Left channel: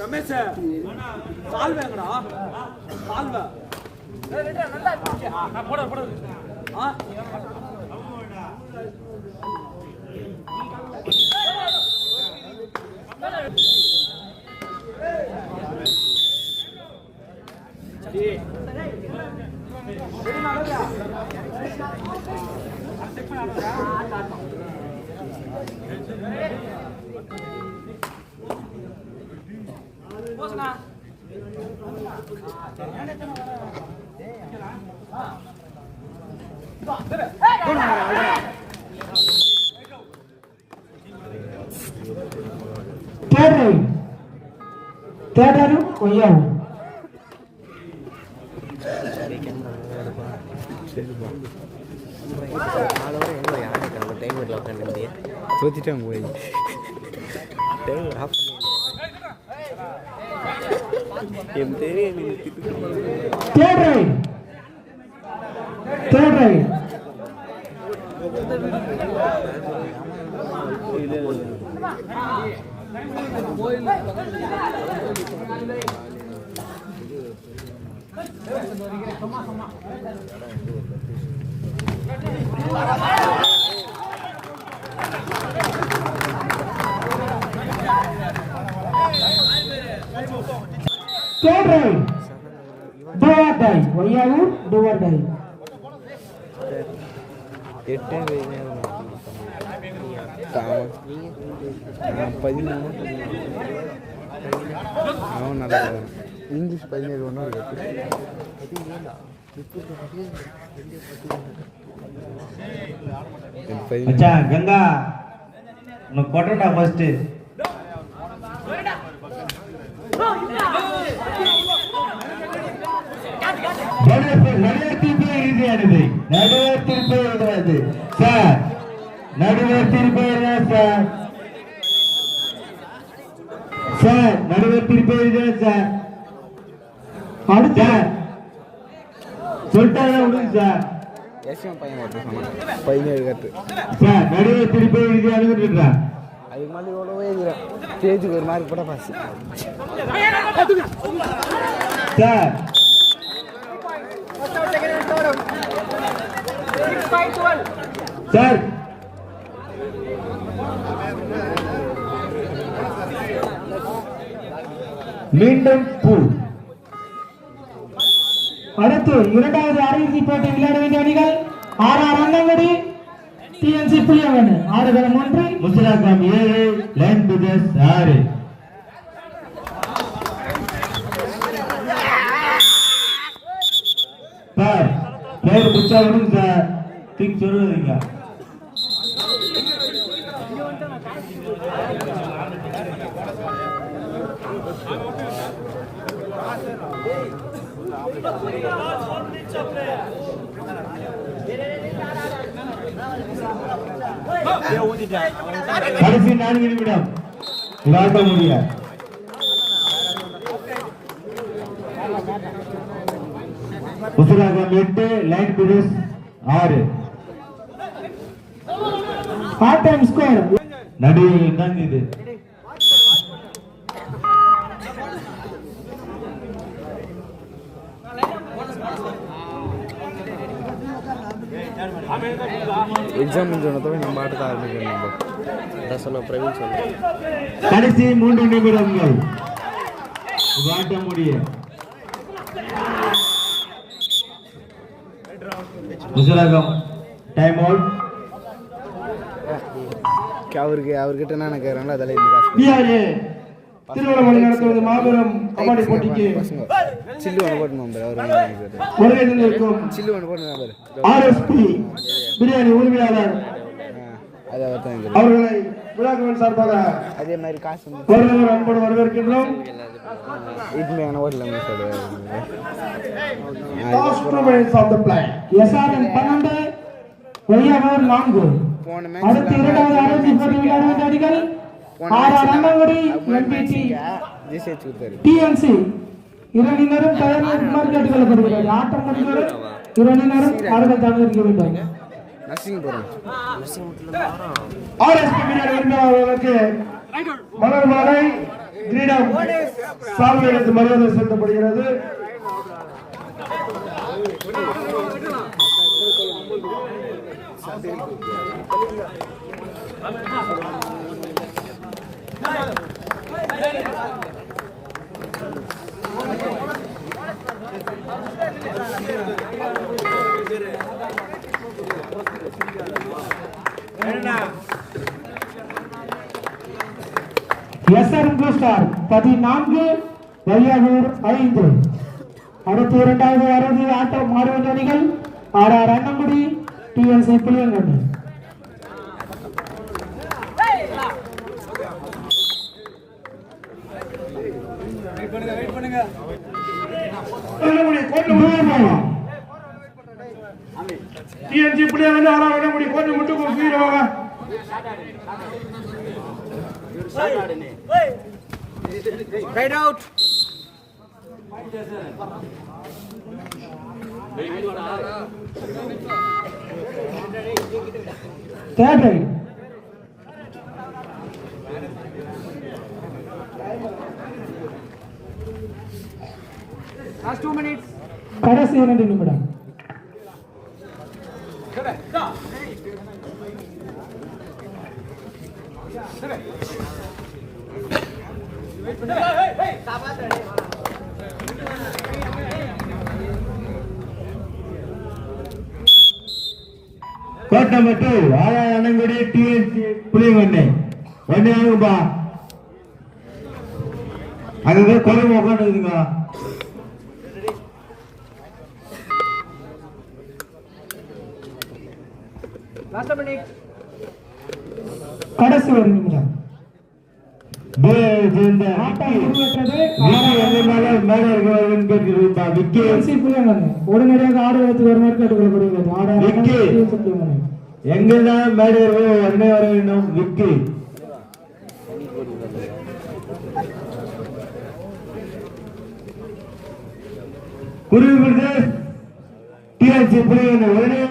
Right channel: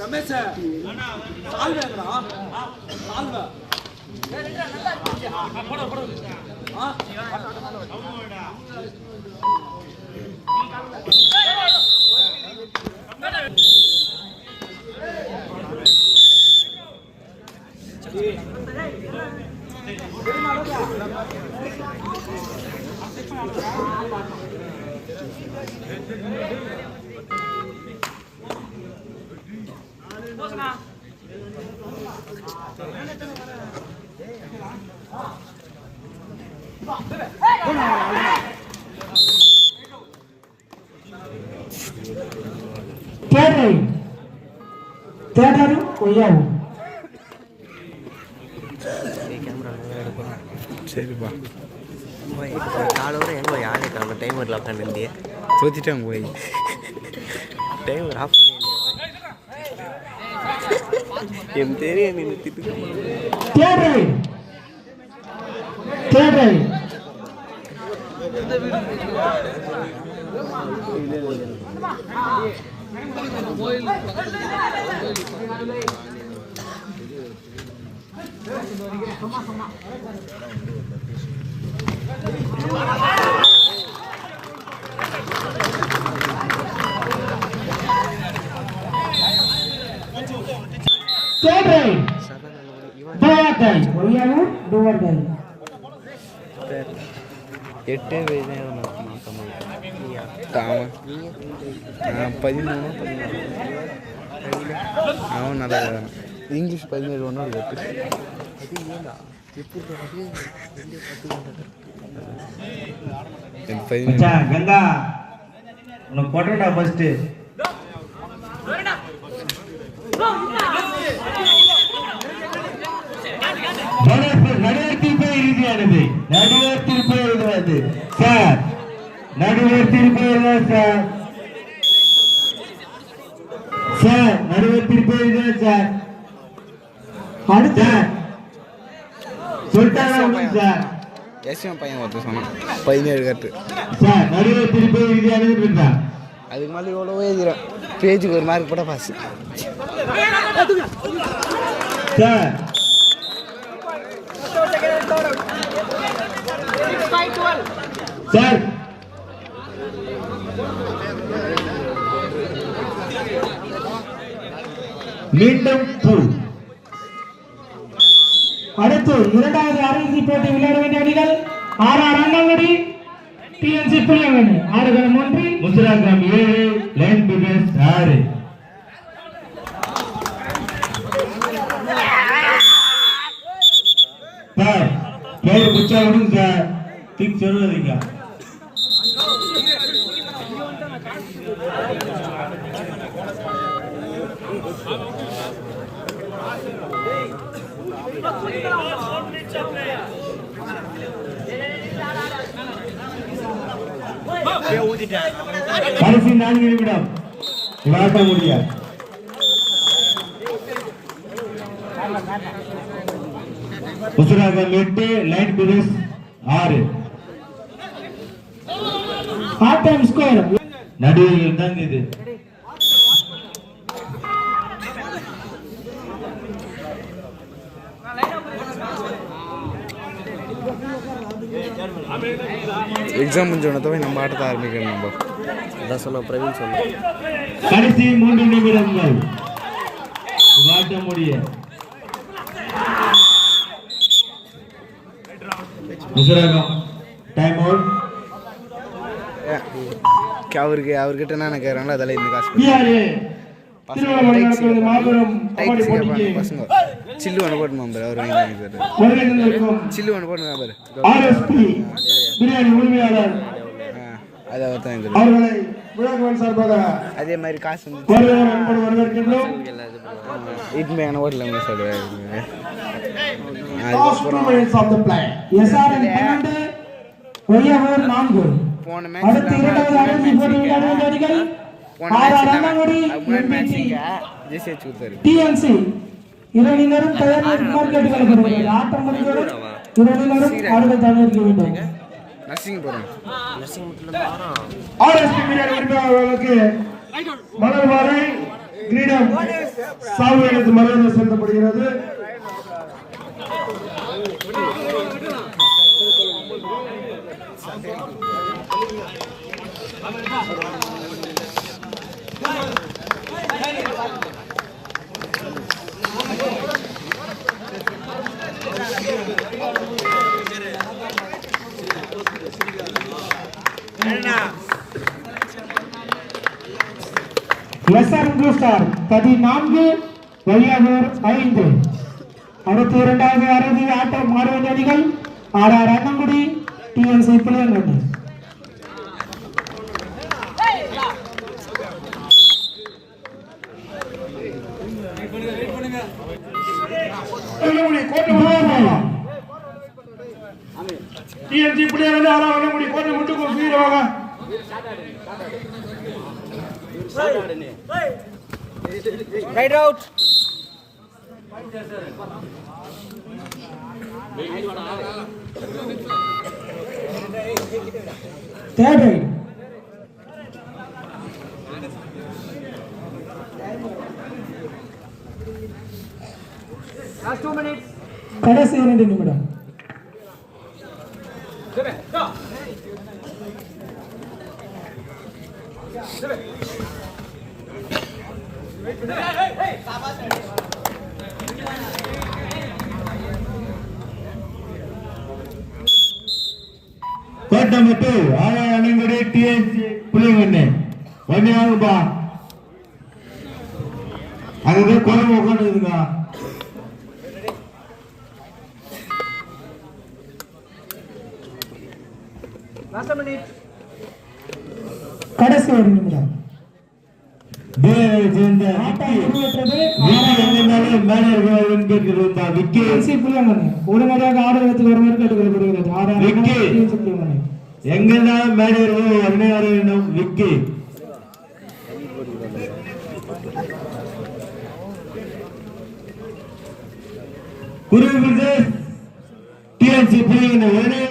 ரமேஷ் சால்வேங்கடா சால்வே போட போட தேர்ரை தேடரும் கொய்யாவும் சரிப்பா காலோட எங்க யானை காணும் டைம் வரல உட்காந்து தோத்திட்டாங்க போய் டைம் ஆஃப் என் தெரியும் தேர்ரை தேர்ரை தேர்ரை டூவர் டை கொய்யாவும் டூவர் டை எட்டு பதிமூணு அவன் நல்லா இங்கிலீஷ் பதினேழு ஒன்று இருக்கு கங்கா உனக்கு கொட்டா ஃபர்ஸ்ட் நடுவர் திருப்பி இறுதியானது. திருப்பி எழுதுவது சார் எழுதுவது சார். சார் திருப்பி எழுதுவது சார். அடுத்த. சொல்லிட்டாங்க சார். எஸ்எம் பையன் ஒருத்தர் சொன்னான். பதினேழு கட்டு சார் நடுவர் திருப்பி இறுதியானது இருக்கான் அதுக்கு மேலே எவ்வளவோ எழுதுறோம் பேஜுக்கு ஒரு மார்க் கூட பாஸ் சார் சார். மீண்டும் பூ. அடுத்து இரண்டாவது அரையிறுதி போட்டி விளையாட வேண்டிய அணிகள் R R Annangudi TNC Puliyavan ஆறுகளம் ஒன்று. முஸ்லாகம் ஏழு லைன் பிகஸ் ஆறு. சார் பேர் குச்சா விடுங்க சார் திங்க் சொல்லுவீங்க கடைசி நான்கு நிமிடம். விளையாட முடியாது உசராகம் எட்டு லைன் பிரிஸ் ஆறு. ஆட்டம் ஸ்கோர் நடுவில் தாங்க இது எக்ஸாம் முடிஞ்சோடனே நம்ம ஆட்டத்தை ஆரம்பிக்கணும் நம்ம அதான் சொன்ன பிரவீன் சொன்ன கடைசி மூன்று நிமிடங்கள் விளையாட முடிய உசுராகம் டைம் அவுட் அவருக்கு அவர்கிட்ட என்ன கேட்குறாங்களோ அதெல்லாம் இந்த காசு பசங்க சில்லு ஒன்று போட்டு நம்பர் அவர் வாங்கி சில்லு ஒன்று போட்டு நம்பர் ஆர்எஸ்பி பிரியாணி உரிமையாளர். அது அவர் தான் அதே மாதிரி காசு வந்து வருகிறோம் அன்போடு வரவேற்கின்றோம். போன அணிகள் போன மேட்ச் மேட்ச் MPC, ஜெயிச்சு கொடுத்தாரு. TNC. இரணினரும் தயார் நிற்குமாறு கேட்டுக்கொள்ளப்படுகிறது. ஆட்டம் முடிந்தவுடன் இரணினரும் ஆடுகளத்தில் இருக்க வேண்டும். நர்சிங் போகிறேன் RSP மீடியா உரிமையாளர்களுக்கு மலர் மாலை கிரீடம் சால்வைக்கு மரியாதை செலுத்தப்படுகிறது. எஸ்ஆர் ப்ளூ ஸ்டார் பதினான்கு வெளியாகூர் ஐந்து. அடுத்து இரண்டாவது அரைதி ஆட்டம் ஆடுவது அணிகள் R R Annangudi TNC Pillainganni TNC பிள்ளைங்க வந்து ஆறா அண்ணங்குடி கோட்டை விட்டு கொடுத்துருவாங்க ரைட் அவுட் தேர்ட் ரைட் கடைசி இரண்டு நிமிடம். கோட்டை மட்டும் ஆயா அணங்குடி டிஎன்சி புளியங்கண்ணு ஒன்னே ஆகும்பா அது குழம்பு உட்காந்துக்குதுங்க கடைசி ஒரு நிமிடம் டேய், சேர்ந்த ஆட்டம் விக்கி முடிவுற்றது. விக்கி எங்கனாலும் மேலே இருக்கிறவங்க கேட்குதுப்பா விக்கி? டிஎன்சி பிள்ளைங்கண்ணி உடனடியாக ஆடுகளத்துக்கு வருமாறு கேட்டுக்கொள்ளப்படுகிறது R R Vicky. TNC Pillainganni எங்கெல்லாம் மேலே இருக்கிறவங்க உடனே வர வேண்டும். விக்கி? குருவி டிஎன்சி புலிகண்ணு உடனே